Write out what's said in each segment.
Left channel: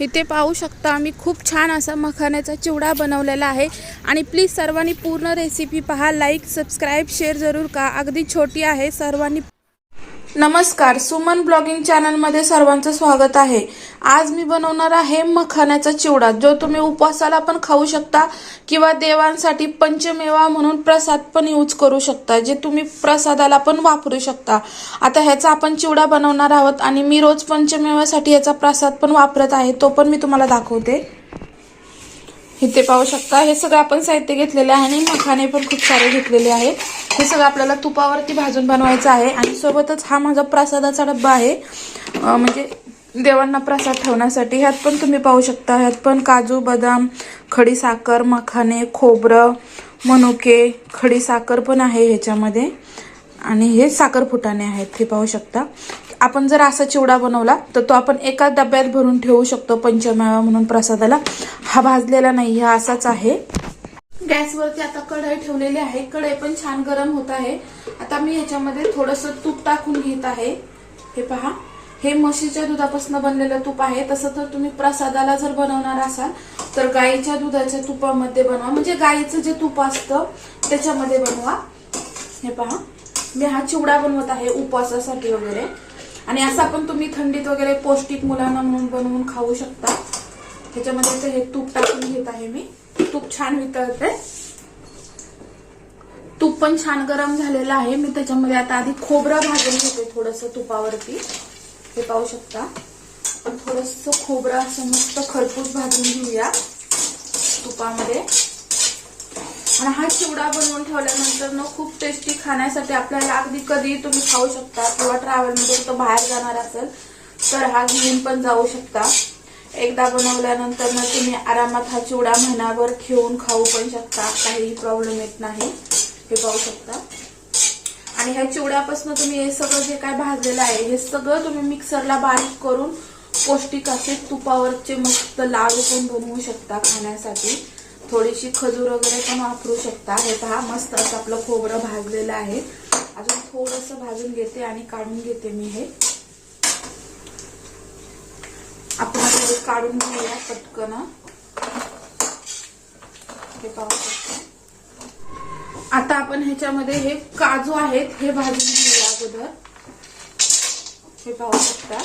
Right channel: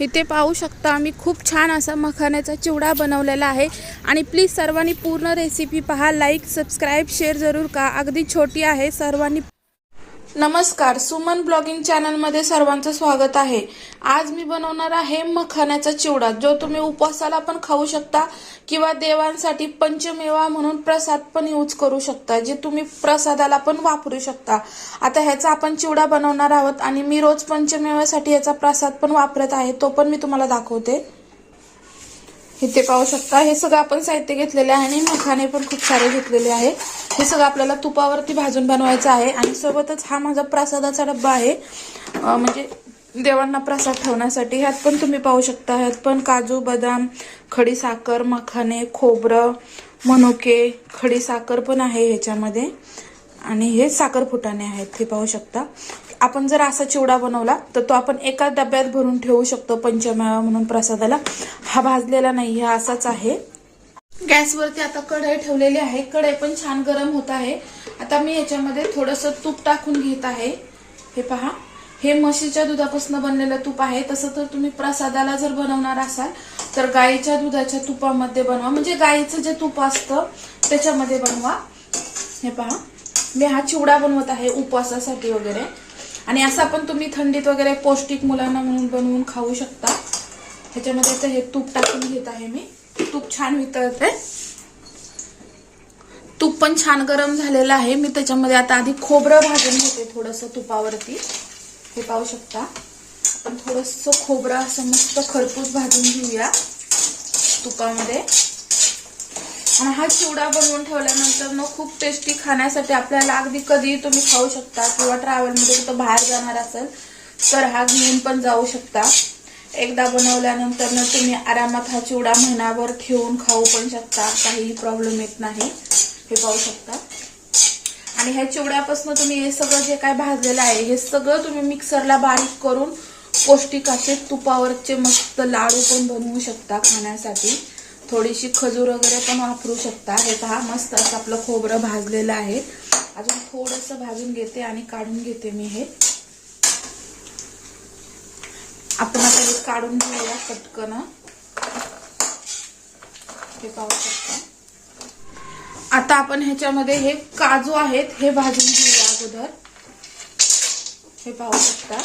इथे पाहू शकता आम्ही खूप छान असा मखाण्याचा चिवडा बनवलेला आहे. आणि प्लीज सर्वांनी पूर्ण रेसिपी पहा. लाईक सबस्क्राईब शेअर जरूर का अगदी छोटी आहे. सर्वांनी नमस्कार सुमन ब्लॉगिंग चॅनलमध्ये सर्वांचं स्वागत आहे. आज मी बनवणार आहे मखाण्याचा चिवडा जो तुम्ही उपवासाला पण खाऊ शकता किंवा देवांसाठी पंचमेवा म्हणून प्रसाद पण यूज करू शकता जे तुम्ही प्रसादाला पण वापरू शकता. आता ह्याचा आपण चिवडा बनवणार आहोत आणि मी रोज पंचमेवासाठी याचा प्रसाद पण वापरत आहे तो पण मी तुम्हाला दाखवते. इथे पाहू शकता हे सगळं आपण साहित्य घेतलेले आहे आणि मखाने पण खूप सारे घेतलेले आहे. हे सगळं आपल्याला तुपावरती भाजून बनवायचं आहे. आणि सोबतच हा माझा प्रसादाचा डब्बा आहे. म्हणजे देवांना प्रसाद ठेवण्यासाठी. ह्यात पण तुम्ही पाहू शकता. ह्यात पण काजू बदाम खडी साखर मखाने खोबरं मनुके खडी साखर पण आहे ह्याच्यामध्ये. आणि हे साखर फुटाणे आहेत. हे पाहू शकता. आपण जर असा चिवडा बनवला तर तो आपण एका डब्यात भरून ठेवू शकतो पंचमेवा म्हणून प्रसादाला. हा भाजलेला नाही. हा असाच आहे. गॅसवरती आता कढई ठेवलेली आहे. कढई पण छान गरम होत आहे. आता मी याच्यामध्ये थोडस तूप टाकून घेत आहे. हे पहा. हे म्हशीच्या दुधापासून बनलेलं तूप आहे. तसं तर तुम्ही प्रसादाला जर बनवणार असाल तर गाईच्या दुधाच्या तुपामध्ये बनवा. म्हणजे गाईचं जे तूप असतं त्याच्यामध्ये बनवा. हे पहा. मी हा चिवडा बनवत आहे उपवासासाठी वगैरे. आणि असा पण तुम्ही थंडीत वगैरे पौष्टिक मुलांना म्हणून बनवून खाऊ शकता. त्याच्यामध्ये तर हे तूप टाकून घेत आहे मी. तूप छान वितळते तूप पण छान गरम झालेलं आहे. मी त्याच्यामध्ये आता आधी खोबरं भाजून घेते थोडस तुपावरती. हे पाहू शकता. थोडस खोबरं असं मस्त खरपूस भाजून घेऊया तुपामध्ये. आणि हा चिवडा बनवून ठेवल्यानंतर ना खूप टेस्टी खाण्यासाठी आपल्याला अगदी कधीही तुम्ही खाऊ शकता किंवा ट्रॅव्हलमध्ये कुठं बाहेर जाणार असेल तर हा घेऊन पण जाऊ शकता. एकदा बनवल्यानंतर ना तुम्ही आरामात हा चिवडा महिनाभर ठेवून खाऊ पण शकता. काही प्रॉब्लेम येत नाही. हे पाहू शकता. आणि ह्या चिवड्यापासून तुम्ही हे सगळं जे काय भाजलेलं आहे हे सगळं तुम्ही मिक्सरला बारीक करून पौष्टिक असे तुपावरचे मस्त लाडू पण बनवू शकता खाण्यासाठी. थोडीशी खजूर वगैरे पण वापरू शकता. हे पहा मस्त असं आपलं खोबरं भाजलेलं आहे. अजून थोडंसं भाजून घेते आणि काढून घेते मी हे आपण आता हे काढून घ्यायला पटकन. हे पाहू शकता. आता आपण ह्याच्यामध्ये हे काजू आहेत हे भाजून घेऊया अगोदर. हे पाहू शकता.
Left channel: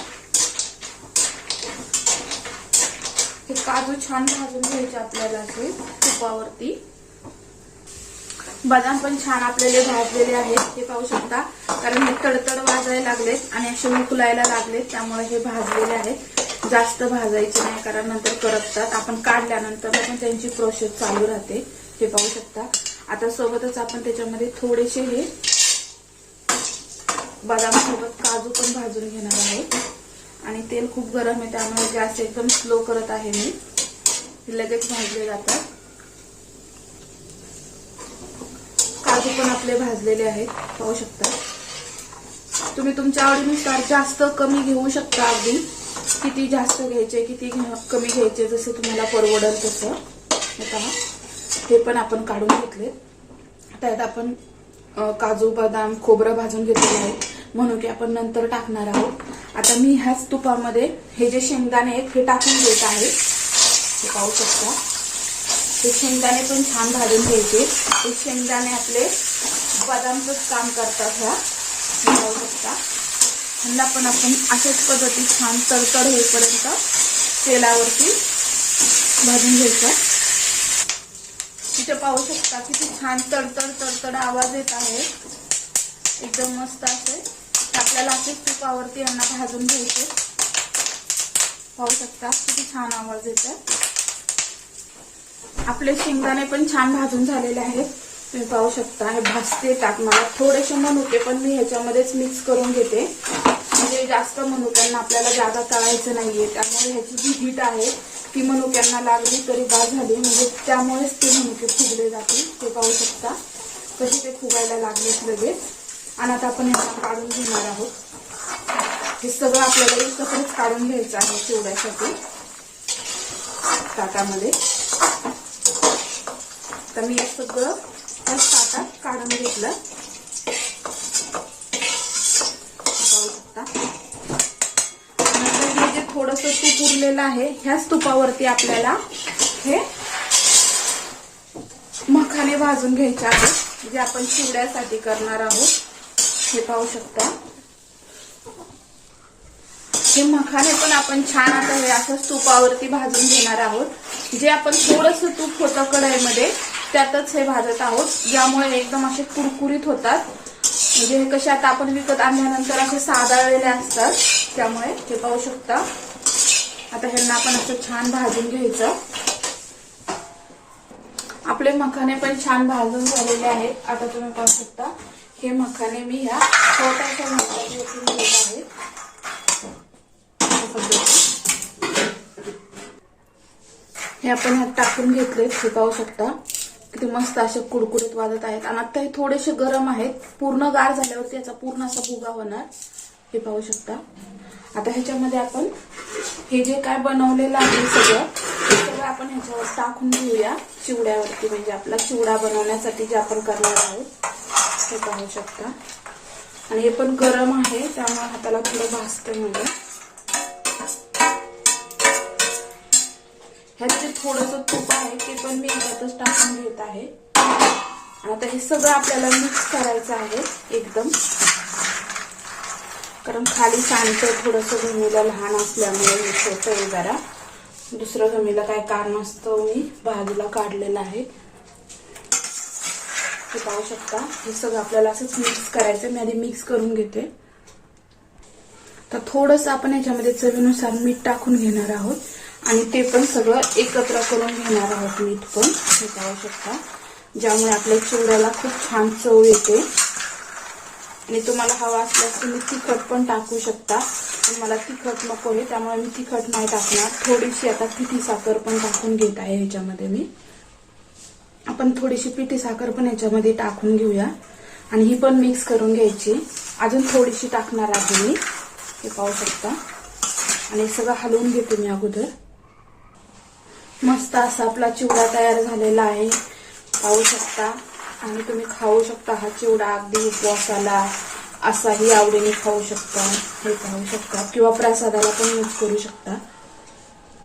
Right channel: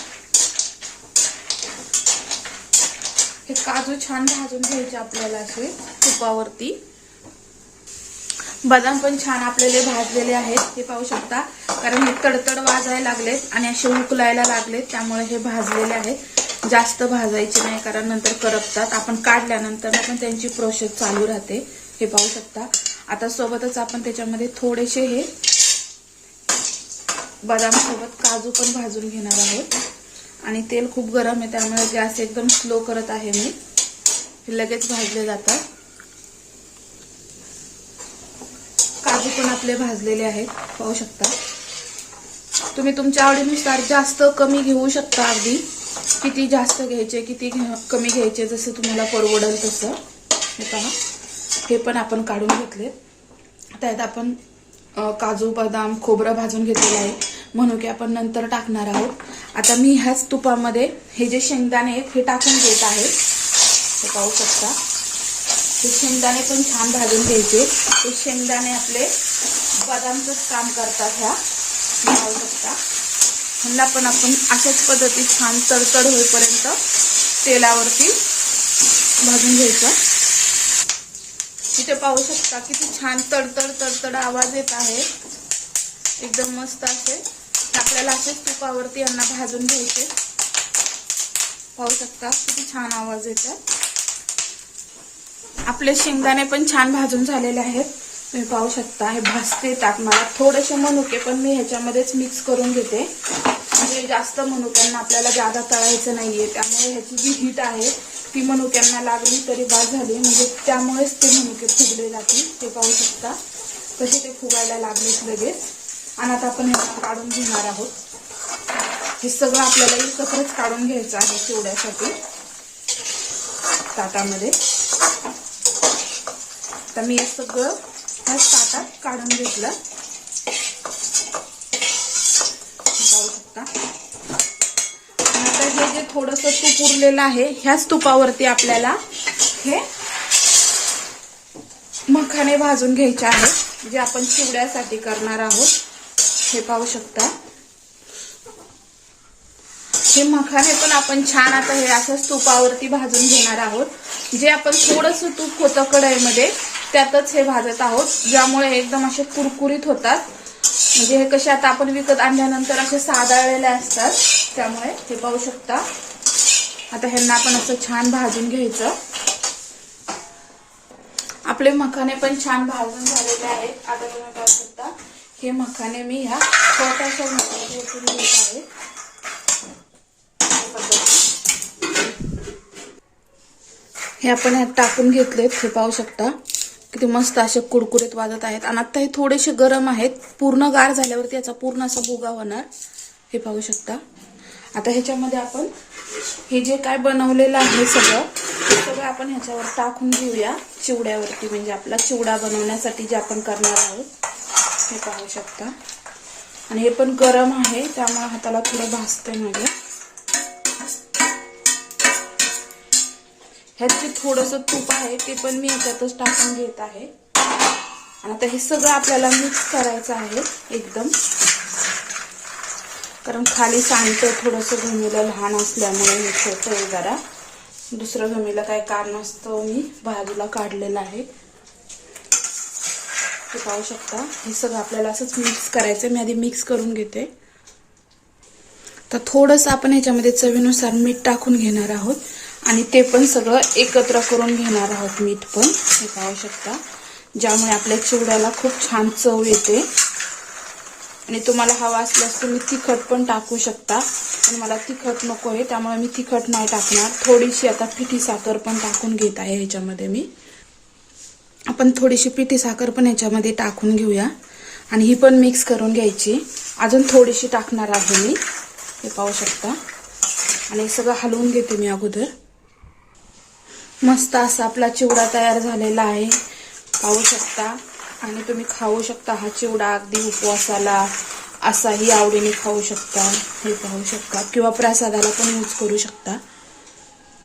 हे काजू छान भाजून घ्यायचे आपल्याला असे तुपावरती. बदाम पण छान आपल्याला भाजलेले आहेत हे पाहू शकता. कारण हे तडतड वाजायला लागलेत आणि असे उकलायला लागलेत त्यामुळे हे भाजलेले आहेत. जास्त भाजायचे नाही कारण नंतर करपतात. आपण काढल्यानंतर पण त्यांची प्रोसेस चालू राहते. हे पाहू शकता. आता सोबतच आपण त्याच्यामध्ये थोडेसे हे बदामसोबत काजू पण भाजून घेणार आहोत आणि तेल खूप गरम आहे त्यामुळे गॅस एकदम स्लो करत आहे मी. लगेच भाजले जातात. काजू पण आपले भाजलेले आहेत. पाहू शकता. तुम्ही तुमच्या आवडीनुसार जास्त कमी घेऊ शकता अगदी. किती जास्त घ्यायचे किती कमी घ्यायचे जसं तुम्हाला परवडेल तसं. हे पहा. हे पण आपण काढून घेतले त्यात आपण काजू बदाम खोबरं भाजून घेतलेलं आहे. म्हणून की आपण नंतर टाकणार आहोत. आता मी ह्याच तुपामध्ये हे जे शेंगदाणे आहेत हे टाकून घेत आहे. हे पाहू शकता. हे शेंगदाणे पण छान भाजून घ्यायचे. हे शेंगदाणे आपले बदामचंच काम करतात ह्या. पाहू शकता. ह्यांना पण आपण अशाच पद्धतीत छान तडतड होईपर्यंत तेलावरती भाजून घ्यायचं. तिथे पाहू शकता किती छान तडतड तडतड आवाज येत आहे. एकदम मस्त असे. आपल्याला असेच तुपावरती यांना भाजून घ्यायचे. पाहू शकता किती छान आवाज येतात आपले शेंगदाणे पण छान भाजून झालेले आहेत. तुम्ही पाहू शकता हे भाजते ताक. मला थोडेसे मनुके पण मी ह्याच्यामध्येच मिक्स करून घेते. म्हणजे जास्त मनुक्यांना आपल्याला जादा तळायचं नाहीये. त्यामुळे ह्याची जी हीट आहे ती मनुक्यांना लागली तरी बाद झाली. म्हणजे त्यामुळेच ते मनुके फुगले जातील ते पाहू शकता. कसे ते फुगायला लागलेत लगेच. आणि आता आपण ह्याला काढून घेणार आहोत. हे सगळं आपल्याला एकत्रच काढून घ्यायचं आहे चिवड्यासाठी ताटामध्ये. तर मी हे सगळं त्याच ताटात काढून घेतलं पाहू शकता नंतर हे जे थोडं थोडस तूप उरलेलं आहे ह्याच तुपावरती आपल्याला हे मखाने भाजून घ्यायचे आहेत जे आपण चिवड्यासाठी करणार आहोत. हे पाहू शकता. हे मखाने पण आपण छान आता हे असंच तुपावरती भाजून घेणार आहोत. जे आपण थोडस तूप होतं कढईमध्ये त्यातच हे भाजत आहोत. ज्यामुळे एकदम असे कुरकुरीत होतात. म्हणजे हे कसे आता आपण विकत आणल्यानंतर असे साधाळलेले असतात त्यामुळे हे पाहू शकता. आता ह्यांना आपण असं छान भाजून घ्यायचं. आपले मखाने पण छान भाजून झालेले आहेत. आता तुम्ही पाहू शकता हे मखाने मी ह्या छोट्याशा मखाने आहे हे आपण ह्यात टाकून घेतलेत हे पाहू शकता. किती मस्त असे कुडकुडीत वाजत आहेत. आणि आता हे थोडेसे गरम आहेत. पूर्ण गार झाल्यावरती याचा पूर्ण असा भुगा होणार. हे पाहू शकता. आता ह्याच्यामध्ये आपण हे जे काय बनवलेलं आहे सगळं ते सगळं आपण ह्याच्यावर टाकून घेऊया चिवड्यावरती. म्हणजे आपला चिवडा बनवण्यासाठी जे आपण करणार आहोत हे पाहू शकता. आणि हे पण गरम आहे त्यामुळे हाताला थोडं भाजतंय म्हणजे ह्यात जे थोडस तूप आहे ते पण मी याच्यातच टाकून घेत आहे. आता हे सगळं आपल्याला मिक्स करायचं आहे एकदम. कारण खाली सांडते थोडंसं गमीला लहान असल्यामुळे मी छोटं जरा. दुसरं गमीला काय कारण असतं मी बाजूला काढलेलं आहे. ते पाहू शकता. हे सगळं आपल्याला असंच मिक्स करायचं मी आधी मिक्स करून घेते. तर थोडंसं आपण याच्यामध्ये चवीनुसार मीठ टाकून घेणार आहोत. आणि ते पण सगळं एकत्र करून घेणार आहोत मीठ पण. हे पाहू शकता. ज्यामुळे आपल्या चिवड्याला खूप छान चव येते. आणि तुम्हाला हवा असल्यास तुम्ही तिखट पण टाकू शकता. आणि मला तिखट नको आहे त्यामुळे मी तिखट नाही टाकणार. थोडीशी आता पिठी साखर पण टाकून घेत आहे ह्याच्यामध्ये मी. आपण थोडीशी पिठी साखर पण ह्याच्यामध्ये टाकून घेऊया. आणि ही पण मिक्स करून घ्यायची. अजून थोडीशी टाकणार आहे मी. हे पाहू शकता. आणि सगळं हलवून घेते मी अगोदर. मस्त असा आपला चिवडा तयार झालेला आहे. पाहू शकता. आणि तुम्ही खाऊ शकता हा चिवडा अगदी उपवासाला असाही आवडीने खाऊ शकता हे पाहू शकता. किंवा प्रसादाला पण यूज करू शकता.